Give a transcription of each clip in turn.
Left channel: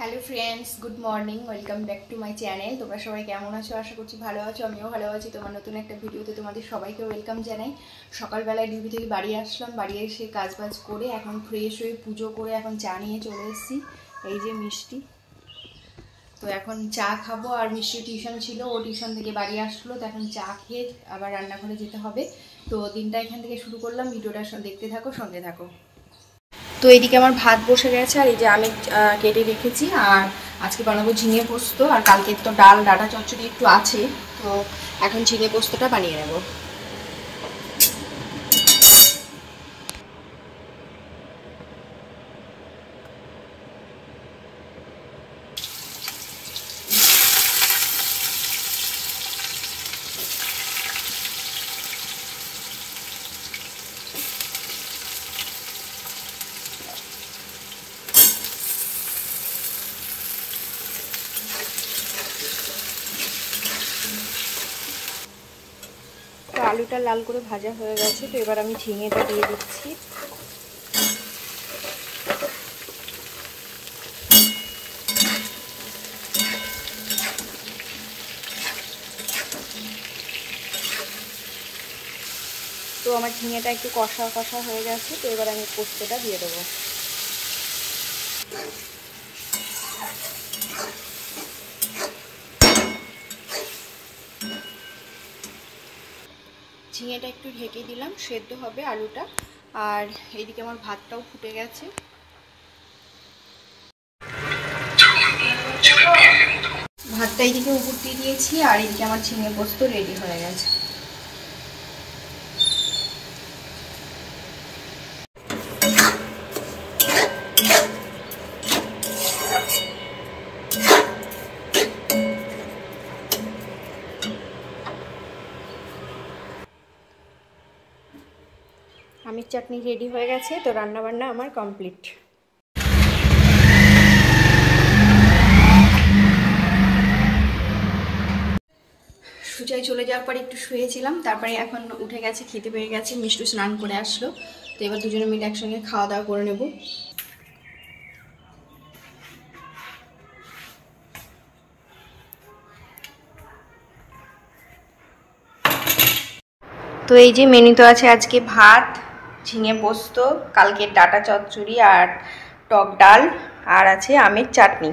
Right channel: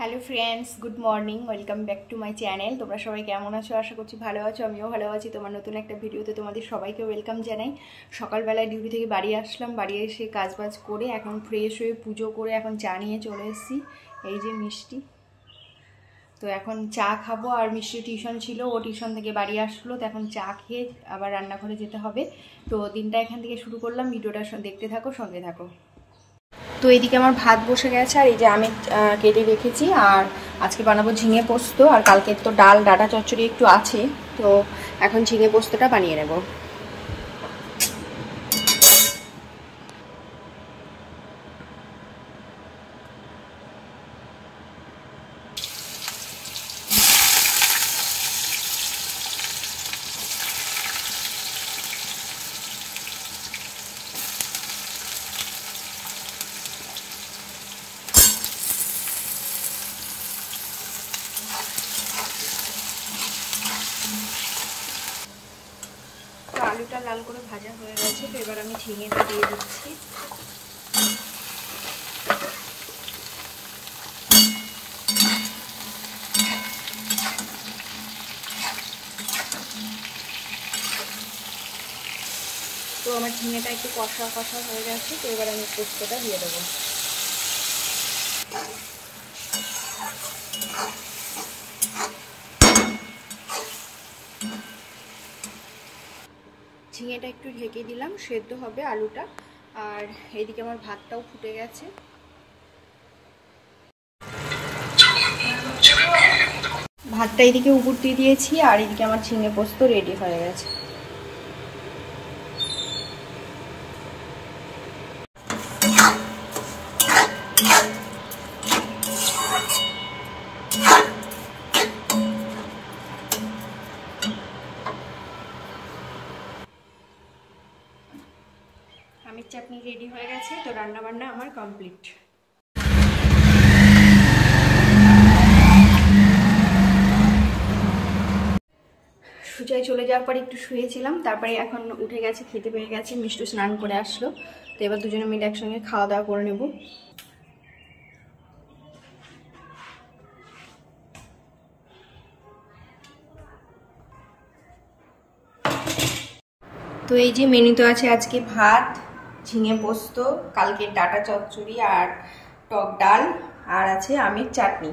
Hello friends, good morning, welcome back to my channel. তোমরা সবাই কেমন আছো? আশা করছি ভালো আছো। আমিও ভালো আছি। তোমার নতুন একটা ভিডিওতে তোমাদের সবাইকে ওয়েলকাম জানাই। সকালবেলায় ডিউটি থেকে বাড়ি আসলাম, বাড়ি এসে কাজবাজ করে এখন ফ্রেশ হয়ে পুজো করে এখন চা নিয়ে চলে এসেছি। এই যে মিষ্টি, তো এখন চা খাবো। আর মিষ্টি টিউশন ছিল, ও টিউশন থেকে বাড়ি আসলো, তো এখন চা খেয়ে আবার রান্নাঘরে যেতে হবে। তো দিনটা এখান থেকে শুরু করলাম। ভিডিওটা দেখতে থাকো, সঙ্গে থাকো। তো এইদিকে আমার ভাত বসে গেছে, আর এই যে আমি কেটে রেখেছি। আর আজকে বানাবো ঝিঙে পোস্ত, আর কালকে তো ডাল ডাটা চচ্চড়ি একটু আছে, তো এখন ঝিঙে পোস্তটা বানিয়ে নেব। তো আলুটা লাল করে ভাজা হয়ে গেছে, তো এবার আমি ঝিঙেটা দিয়ে দিচ্ছি। তো আমার ঝিঙেটা একটু কষা কষা হয়ে গেছে, তো এবার আমি পোস্তটা দিয়ে দেবো। ঝিঙেটা একটু ঢেকে দিলাম, সেদ্ধ হবে আলুটা। আর এইদিকে আমার ভাতটাও ফুটে গেছে। ভাতটা এইদিকে উপর দিয়ে দিয়েছি, আর এইদিকে আমার ঝিঙে পোস্ত রেডি হয়ে গেছে। আমের চাটনি রেডি হয়ে গেছে, তো রান্নাবান্না আমার কমপ্লিট। সুজায় চলে যাওয়ার পর একটু শুয়েছিলাম, তারপরে এখন উঠে গেছে, খেতে পেয়ে গেছে, মিষ্টু স্নান করে আসলো, তো এবার দুজনে মিলে একসঙ্গে খাওয়া দাওয়া করে নেব। তো এই যে মেনুতে আছে আজকে ভাত, ঝিঙে পোস্ত, কালকের ডাটা চচ্চড়ি আর টক ডাল, আর আছে আমের চাটনি।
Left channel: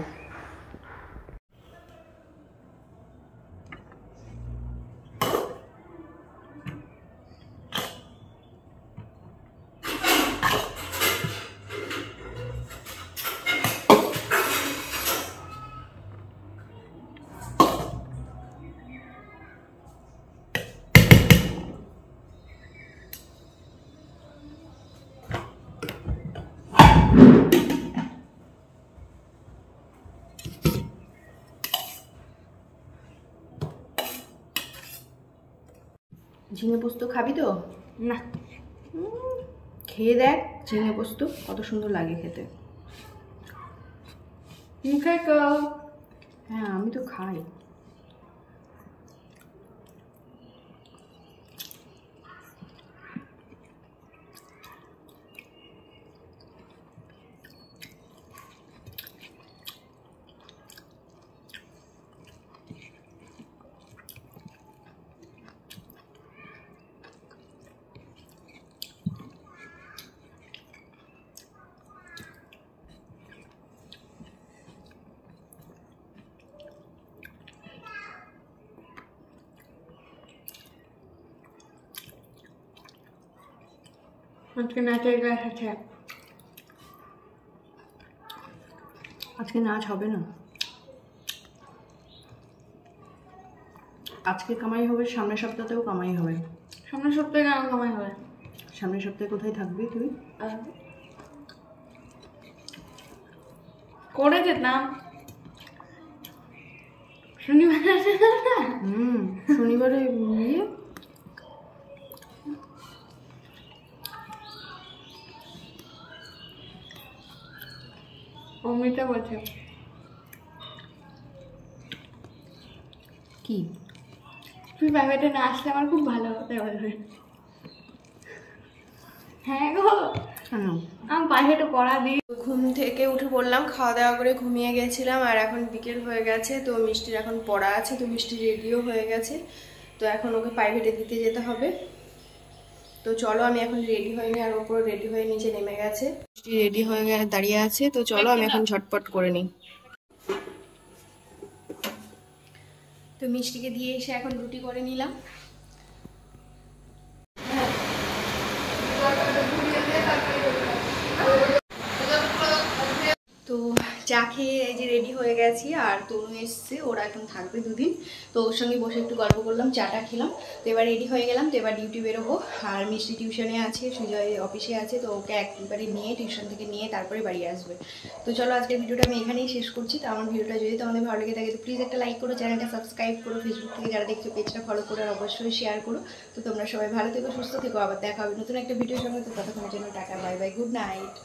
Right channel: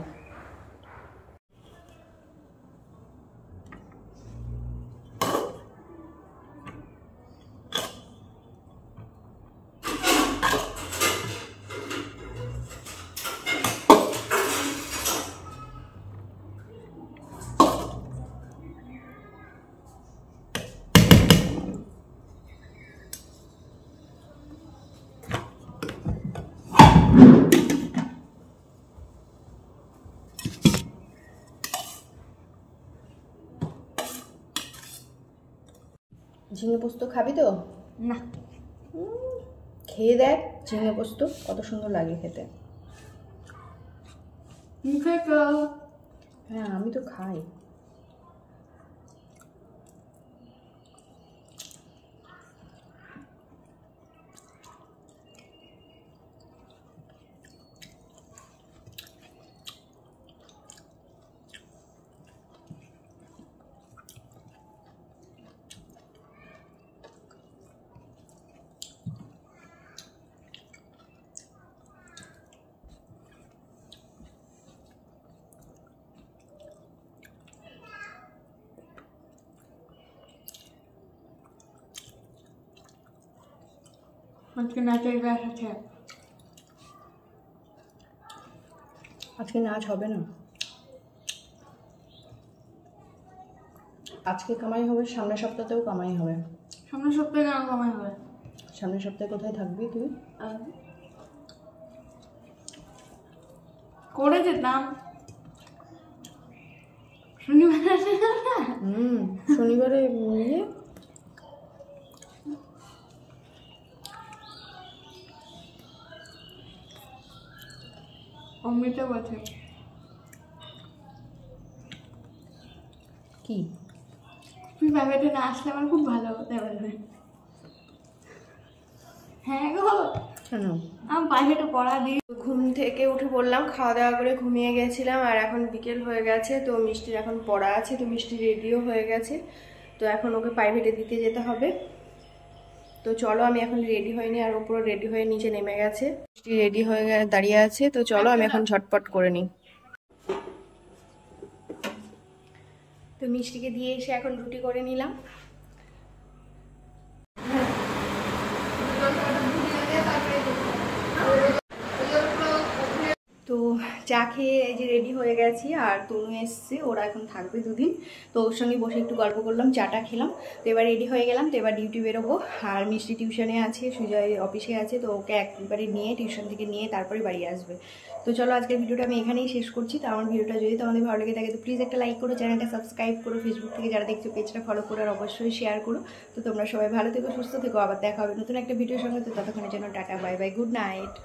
ঝিঙে পোস্ত খাবি তো? না, খেয়ে দেখ ঝিঙে পোস্ত কত সুন্দর লাগে খেতে। হ্যাঁ, আমি তো খাই। আজকে নাচের ক্লাস আছে। আজকে নাচ হবে না, আজকে কামাই হবে, সামনের সপ্তাহতেও কামাই হবে। সামনের সপ্তাহে কেন কামাই হবে? সামনের সপ্তাহে কোথায় থাকবি তুই? করে যেতাম শনিবারে। শনিবারে গিয়ে অমৃতা বলছে কি তুই প্রাইভেটে না আসলে আমার খুব ভালো হতে হবে। হ্যাঁ গো, কেন? ঘুম থেকে উঠে পড়লাম, খাওয়া দাওয়া করে ঘুমিয়ে গেছিলাম, আর এখন বিকেল হয়ে গেছে। তো মিষ্টির এখন পড়া আছে, তো মিষ্টি রেডিও হয়ে গেছে। তো এখন ওকে প্রাইভেটে দিতে যেতে হবে। তো চলো, আমি এখন রেডি হয়নি, আর ওপর রেডি হয়ে নিচে নেমে গেছে। মিষ্টি রেডি হয়ে দাঁড়িয়ে আছে। তো চলো আমি এখন ঝটপট করে নিই। তো মিষ্টিকে দিয়ে এসে এখন রুটি করে নিলাম। তো চা খেয়ে এই যে রেডি হয়ে গেছি, আর তনু এসছে, ওরা এখন থাকবে দুদিন। তো ওর সঙ্গে বসে একটু গল্প করলাম, চাটা খেলাম। তো এবার রেডি হয়ে গেলাম। তো এবার ডিউটি বেরোবো। আর মিষ্টি টিউশনে আছে, সুজয় অফিসে আছে। তো ওকে একবারে নিয়ে টিউশন থেকে নিয়ে তারপরে বাড়ি আসবে। তো চলো, আজকের ভিডিওটা আমি এখানেই শেষ করছি। তো আমার ভিডিওটা যদি তোমাদের ভালো লেগে থাকে তো প্লিজ একটা লাইক করো, চ্যানেলটা সাবস্ক্রাইব করো, ফেসবুক থেকে যারা দেখছো পেজটা ফলো করো, আর অবশ্যই শেয়ার করো। তো তোমরা সবাই ভালো থেকো, সুস্থ থেকো, আবার দেখা হবে নতুন একটা ভিডিওর সঙ্গে। তো ততক্ষণের জন্য tata, bye bye, good night.